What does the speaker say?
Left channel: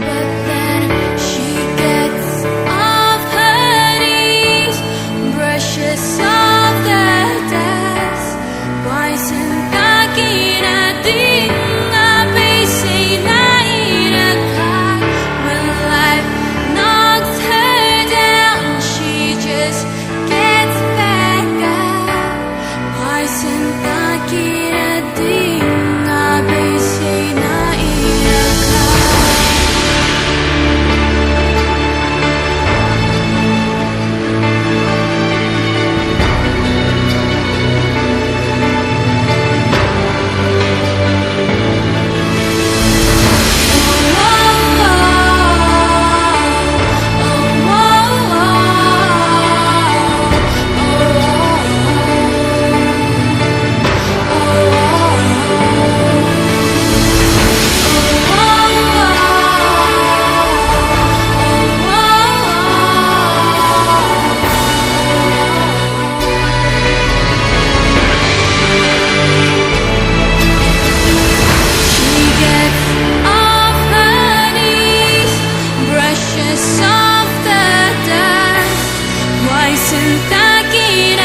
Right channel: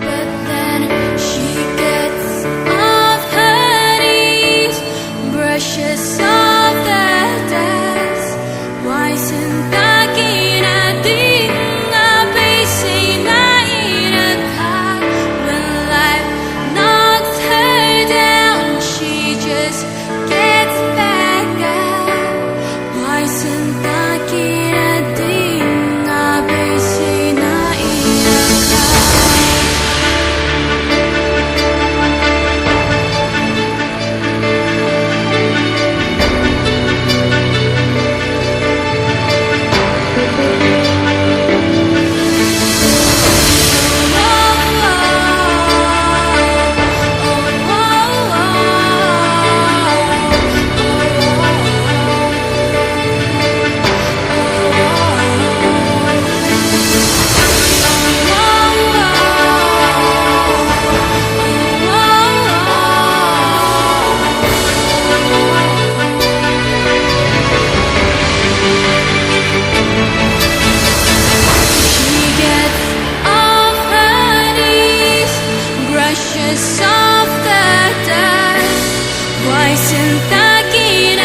But then she gets off her knees, brushes off the dust. Why sentakin ating abay say na inakat? When life knocks her down, she just gets back up. Why sentakin ating abay say na inakat? Gets off her knees, brushes off the dust. Why sentakin